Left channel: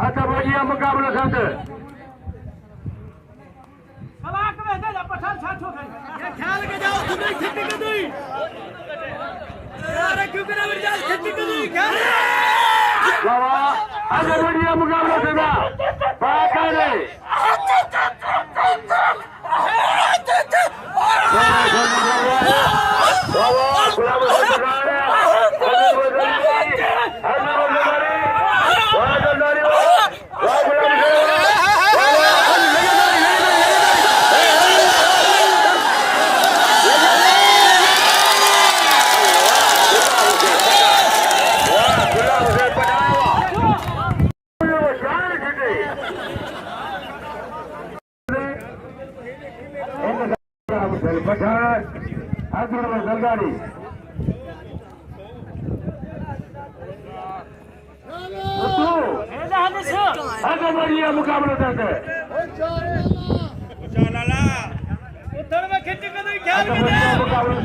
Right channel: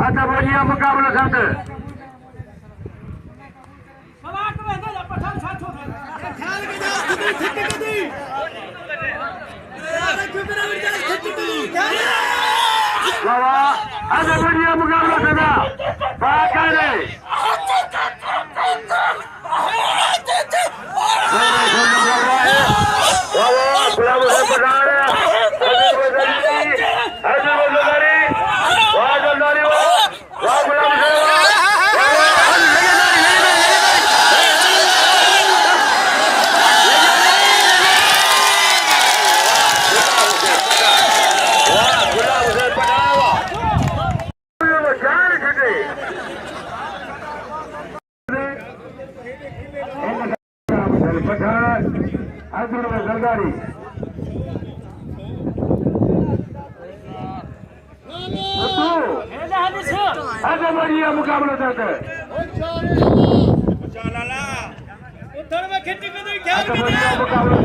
आता बोलिए मुकाबला संत सलाक में दे पठान साथ हो ये ख्याल के जाओ तुम्हें खिट्टी के दी अरे क्यों मेरा विचार खिट्टी के दी क्या आता बोलिए मुकाबला संत बात करे मुकाबला करते उधर में खिट्टी के दी ख्याल के जाओ